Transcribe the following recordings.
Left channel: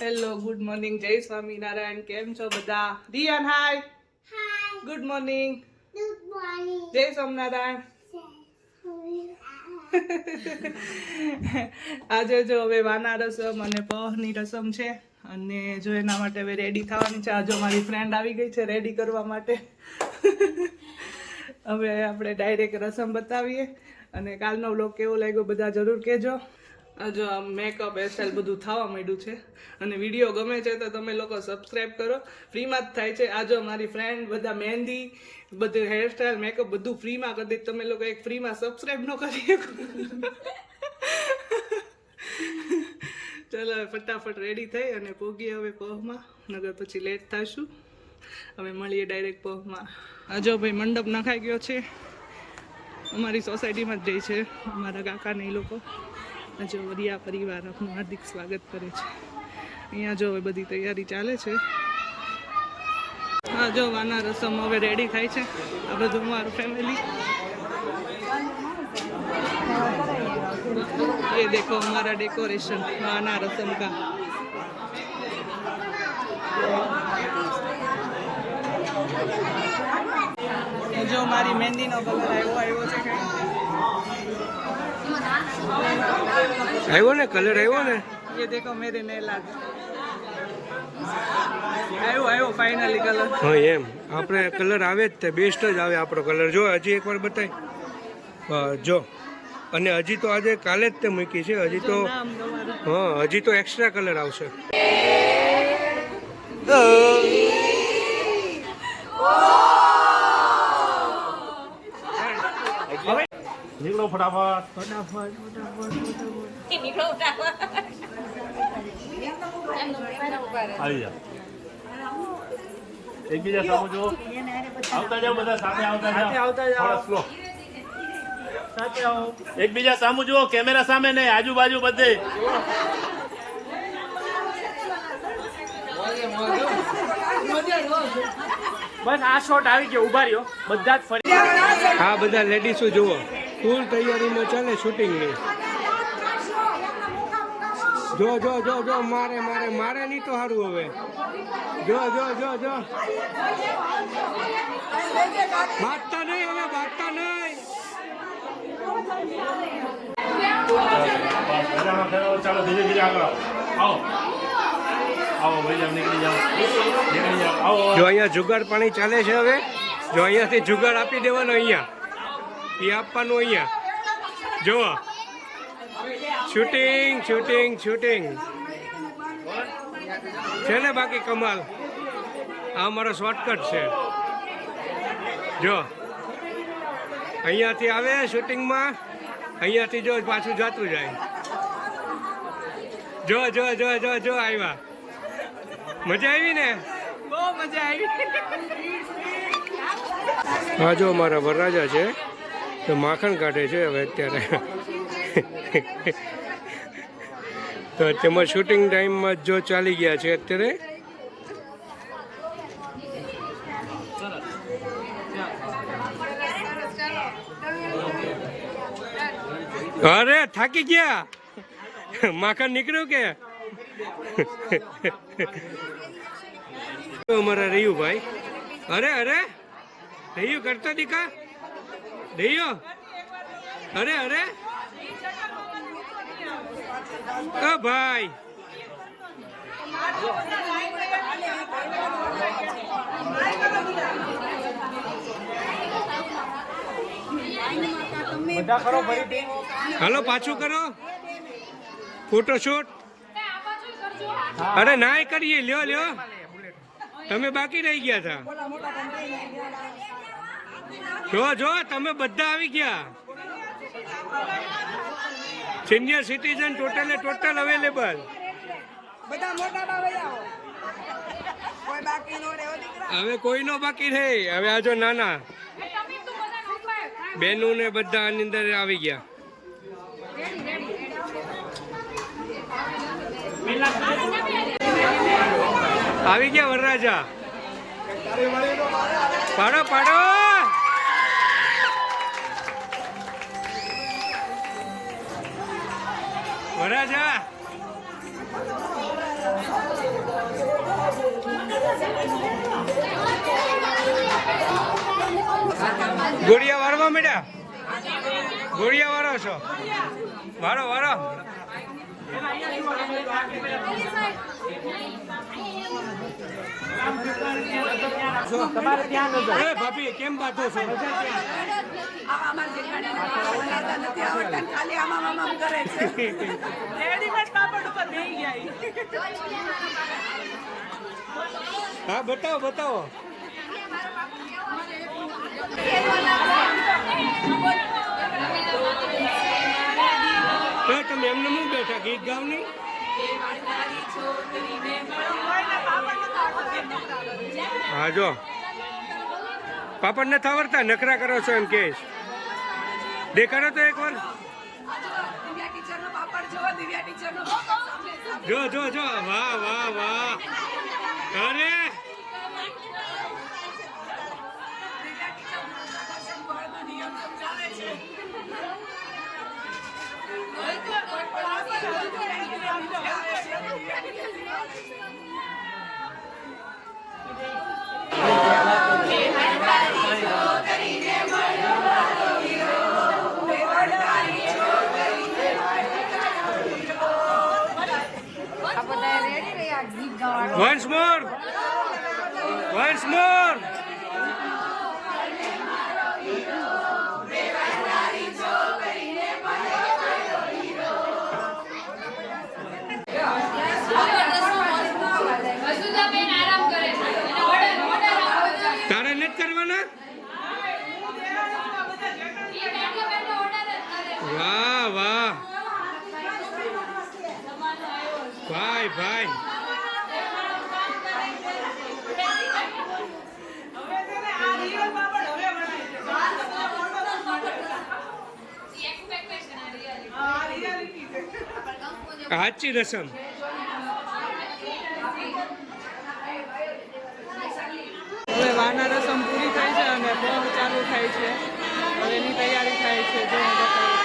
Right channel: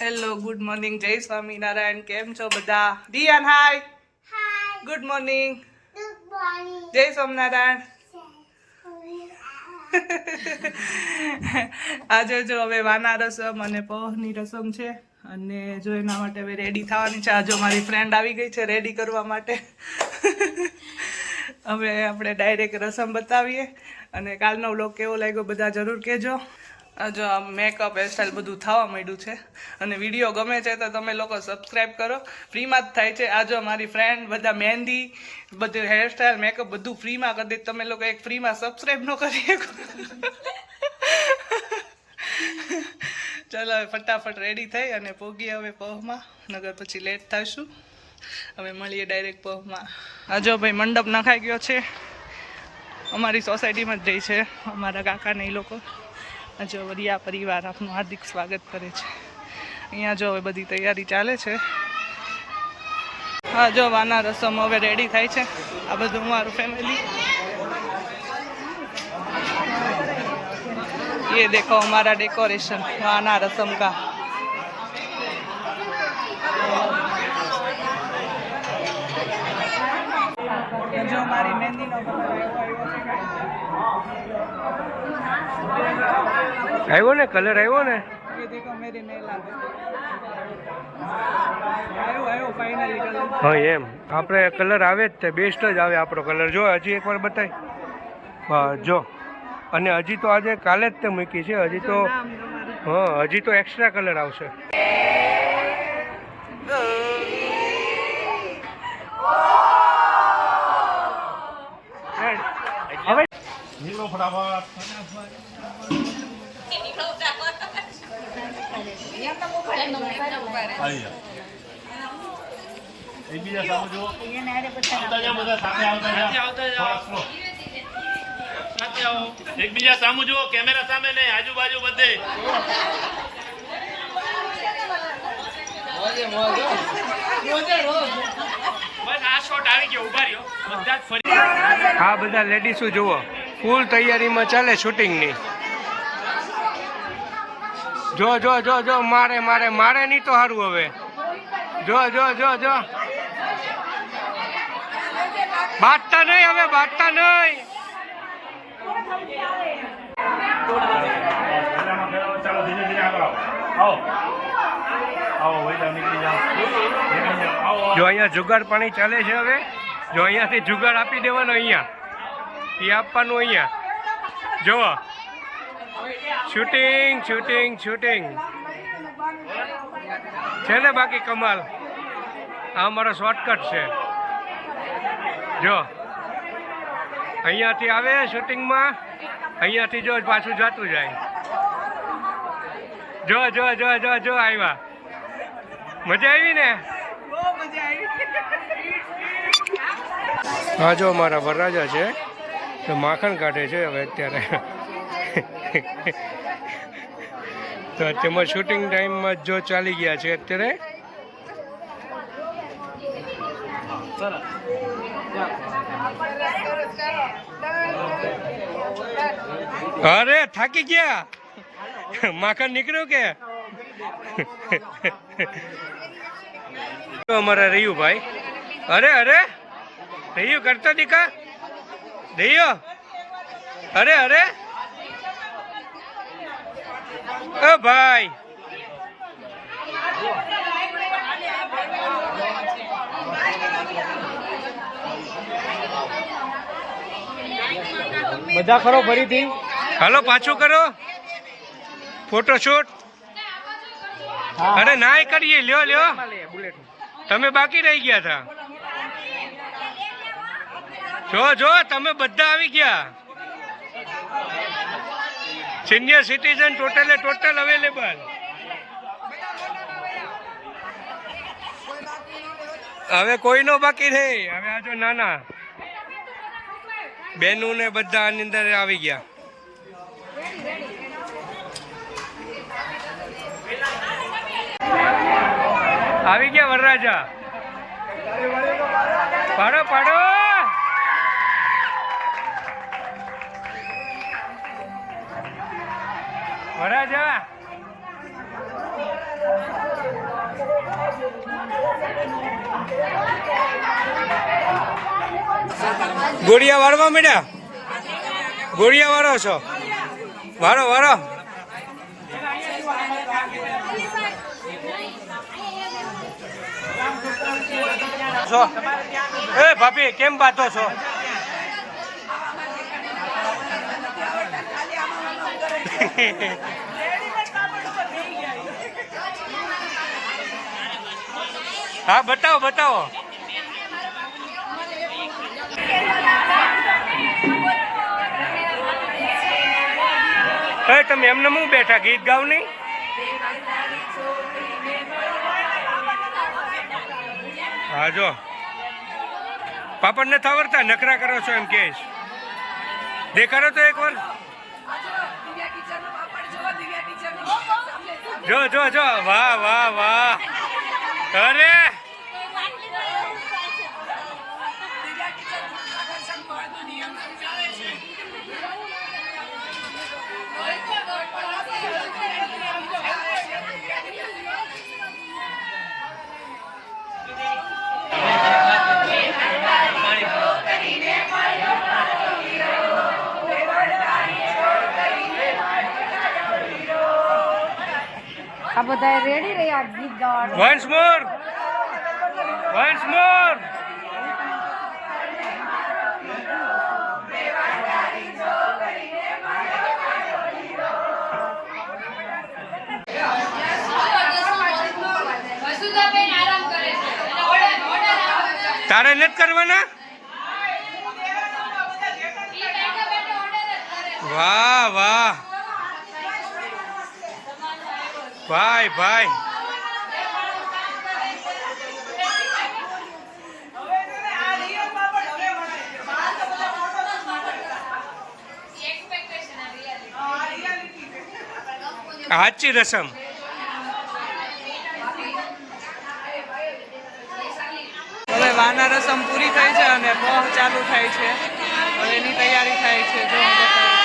Hello, good morning, જય સ્વામિનારાયણ. કેમ છો બધા? Diyan hi. Hi. Good morning. Good morning. જય સ્વામિનારાયણ. આજે જો હવે વાના રસમ અને પહની રસમ છે અને જો એના માટે હવે રેડી થવાની છે. આજે મારી ફ્રેન્ડ આવી ગઈ છે રેડી કરવા માટે. હવે આપણે ડાયરેક્ટ રસમ બતાવીએ અને કાલનો વ્લોગ કેવો લાગ્યો બધા જરૂર કહેજો. જો આ મેકઅપ હેરસ્ટાઈલ બધું થવા માંડ્યું છે અને વિડીયો ગમે છે તો તમે લોકો સબસ્ક્રાઈબ કરો, ફ્રીમાં જ થાય છે. આ જો મારી ફ્રેન્ડ બધા મહેંદી બધું હેરસ્ટાઈલ મેકઅપ બધું ફ્રીમાં કરી દે. તમે લોકો એક ફ્રીમાં સબસ્ક્રાઈબ ન કરી શકો. ચાલો હવે ફટાફટ રેડી થઈ અને પોગીએ હવે પહમાં, નગર પછી લેટ થઈશું. હવે મળીએ ડાયરેક્ટ પહમાં. આ જો ભાઈ મંડપ નખાઈ ગયો છે, અમારી સોસાયટીમાં જ જઈ છે અમારા કાકાને એ લોકો. જો વરિયા પરિવાર આપનું હાર્દિક સ્વાગત કરે છે. અહીંયા જો હવે બધી તૈયારી ચાલે છે. હા જો વાના રસમ હવે રેડી થાય છે. આ બધું અમારું ફેમિલી. ये देखो हमारा डेकोरेशन वाना रसम का. जो हमारी मेहंदी नो कलर આવ્યો ને કલર આવ્યો ને. ये देखो मेरे नेल आर्ट આવ્યો ફાઇનલી કલર. હા એમ આપણે કલર આવે જ તે બેસ્ટ જ આવે આપણો કલર. જો હજી એકવાર બતાય. જો અને હજી તો આજે કાલે જ તે મૂકી છે. હજી તો હા હજી તો એક્સ્ટ્રા કલર આવશે. નીકળો ફટાફટ. આવી જા. એકબીજા સામે જુઓ. આવતા જાઓ બધા સાથે આવતા જાઓ. સ્લો. એકબીજા સામુ જુઓ, કેમેરા સામે નહીં, આજુબાજુ બધે. બસ આ શોટ આવી ગયો, ઉભા રહ્યો બધા જ ફરી. હા બધા લેડીઝો જુઓ, ફૂલ તૈયારીમાં ચાલે શૂટિંગની. જો જો જો જો મારે મારે મારે નહીં તો સારું હવે. જો જો જો જો બાટતા નહીં હવે, બાટતા નહીં. ચાલો ધીરે ધીરે આગળ આવો. આવો ભાઈ જાઓ, નીકળી જાઓ. જો અહીંયા જુગાર પાણી ચાલે છે હવે. જો અહીંયાથી જુગાર આપી દેવાનો, અહીંયા એ આપવાનું. અહીંયા જુઓ શૂટિંગ શૂટિંગ શૂટિંગ છે ને. બાકી કમાલ. આ મારો શોર્ટકટ છે. જો અહીંયાથી આવે શૂટિંગમાં, અહીંયાથી જો પાછું જતું જાય. જો જો જો જો જો આવ્યા. મજા આવી ને? બહુ મજા આવી. હા જો મારા વરરાજા છે તો માખણ કાઢે છે હવે અત્યારે. તો તેમાં શૂટિંગ ટાઈમમાં જો ચાલી ગયા છે અત્યારે. અરે થાકી ગયા. માખણ નીકળ્યું કે? અમારા રહ્યું ભાઈ. અરે અરે રહ્યું કરતા દીકા રહ્યો. અરે અરે ઓ ભાઈ. બધા કરો ફરીથી. હાલો પાછું કરો ફોટોશૂટ. અરે ના કરીએ. લ્યો લ્યો, તમે બાકી રહી ગયા હતા. જો જો તમે બધા આવી ગયા. Senior citizen total available. હવે કોઈનો બાકી નહીં. હવે આજો નાના બેનું ને બધા આની અંદર આવી ગયા. આવી ગયા વરરાજા. પાડો પાડો. વરરાજા ગોળિયા વાળવા માંડ્યા, ગોળિયા વાળો છો, વાળો વાળો. છો એ ભાભી કેમ બાતો છો? હા બતાવો બતાવો. તમે એમને હું બેઠા ગીત ગાવ નહીં? હા જો પાપડ નથી આવડતા, નખરા કરો છો એમ કે દેખાડો તો એકવાર. જો જો જો વાહ વાહ વાહ. અરે once more, once more. તારે નથી કરવાના? વાહ વાહ ભાઈ ભાઈ. સાચી રસમ. હવે વાના રસમ પૂરી થઈ છે અને પહ ચાલુ થાય છે. હવે એની તૈયારી થાય છે. જો હું બતાવું.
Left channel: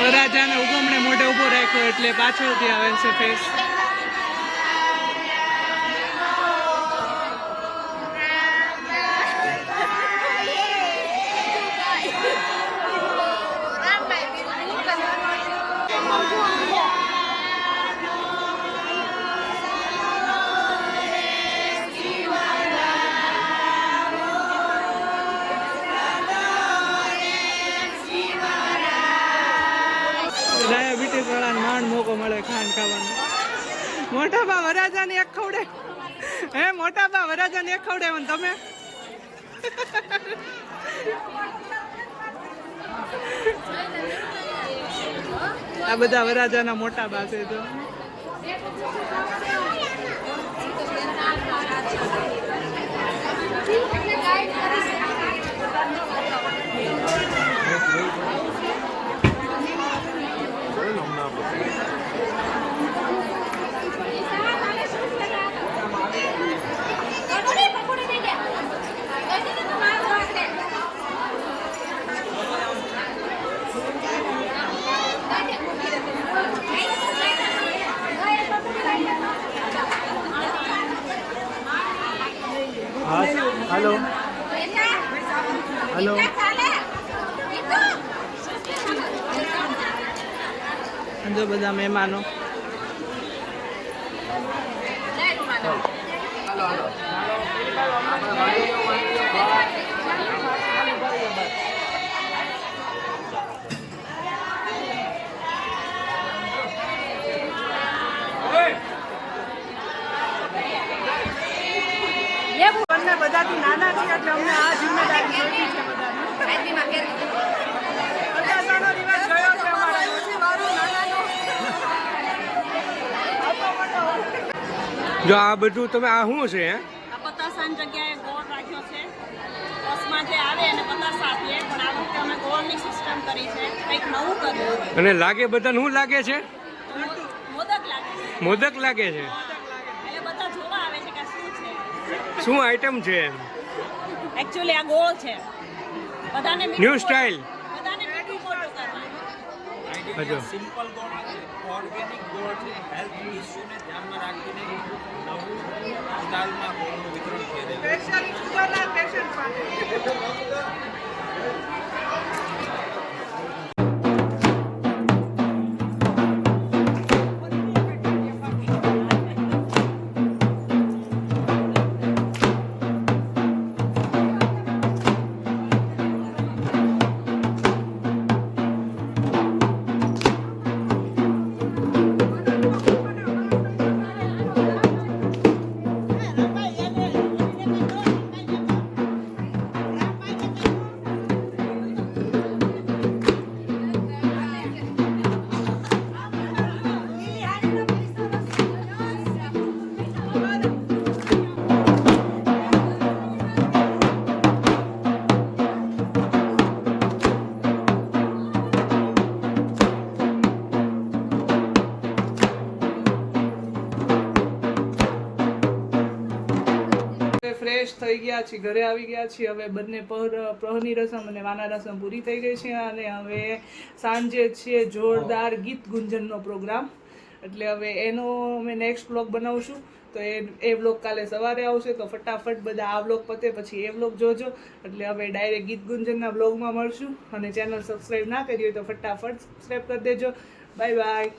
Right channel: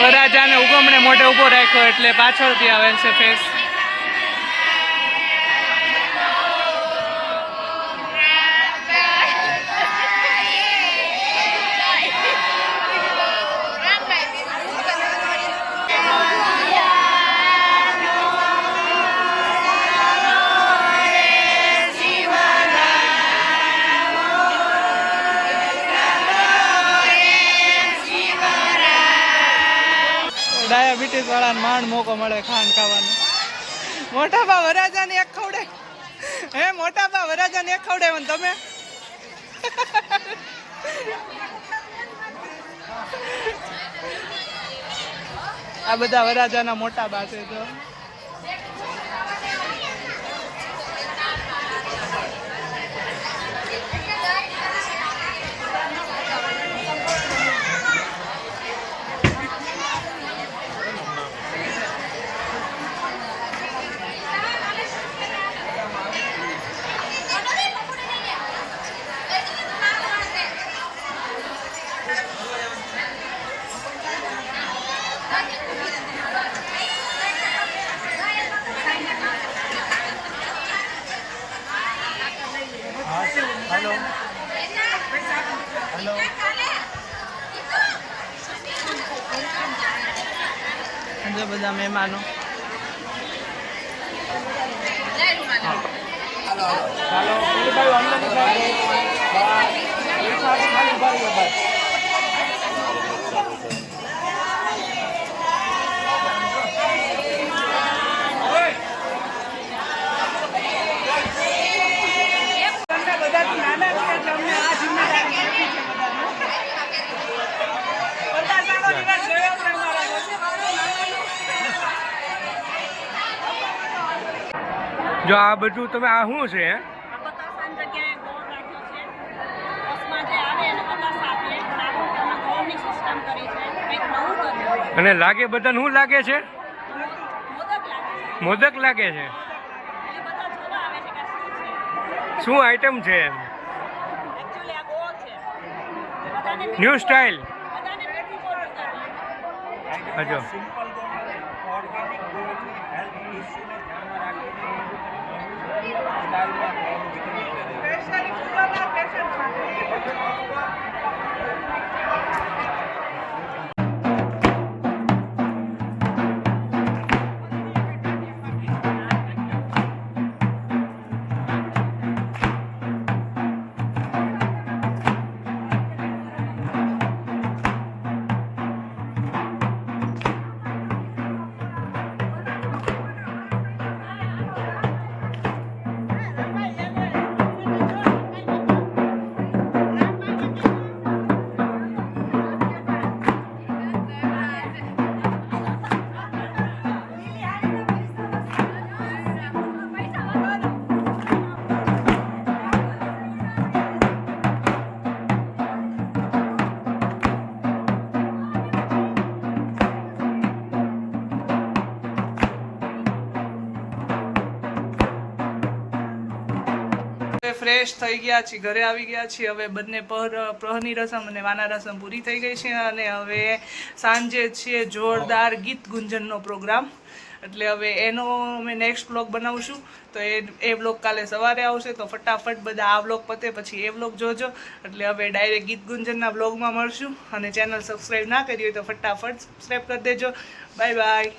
વરરાજાને ઉગમણે મોઢે ઊભો રાખ્યો એટલે પાછળથી આવે છે ફેસ. ડાયાબિટીસ વાળાને માંડ મોકો મળે ખાંડ ખાવાનો. મોટા બા વરરાજાને એક ખવડે. હે મોટા બા વરરાજાને એક ખવડે તમે? આ બધા વરરાજાના મોટા બા છે. જો હેલો. જો બધા મહેમાનો. બંને બધાથી નાના છે એટલે અમને આ જિમ્મેદારી સોંપી છે બધાને. પચાસાનો દિવસ ગયો છે અમારા. જો આ બધું તમે આ શું છે? પચાસાની જગ્યાએ ગોળ રાખ્યો છે. બસમાં જે આવે એને પચાસ આપીએ પણ આ વખતે અમે ગોળની સિસ્ટમ કરી છે. કંઈક નવું કર્યું. અને લાગે બધાને શું લાગે છે? મોદક લાગે છે. મોદક લાગે છે. એટલે બધા જોવા આવે છે કે શું છે. શું આઈટમ છે એમ? એકચ્યુઅલી આ ગોળ છે. બધાને ન્યૂ સ્ટાઇલ. બધાને મીઠું ગોળ કરવાનું. હજો સિમ્પલ ગોળ નથી, ઓર્ગેનિક ગોળ છે. હેલ્થ ઇસ્યુને ધ્યાનમાં રાખીને નવું સ્ટાઇલમાં ગોળનું વિતરણ થઈ રહ્યું છે. ફ્રેશ થઈ ગયા છીએ, ઘરે આવી ગયા છીએ. હવે બંને પ્રહરની રસમ અને વાના રસમ પૂરી થઈ ગઈ છે અને હવે સાંજે છે જોરદાર ગીત ગુંજનનો પ્રોગ્રામ. એટલે હવે એનો અમે નેક્સ્ટ વ્લોગ બનાવશું. તો એ વ્લોગ કાલે સવારે આવશે. તો ફટાફટ બધા આ વ્લોગ પતે પછી એ વ્લોગ જોજો. એટલે હવે ડાયરેક્ટ ગીત ગુંજનના વ્લોગમાં મળશું. અને ચેનલ સબસ્ક્રાઈબ ના કરી હોય તો ફટાફટ સબસ્ક્રાઈબ કરી દેજો. Bye bye.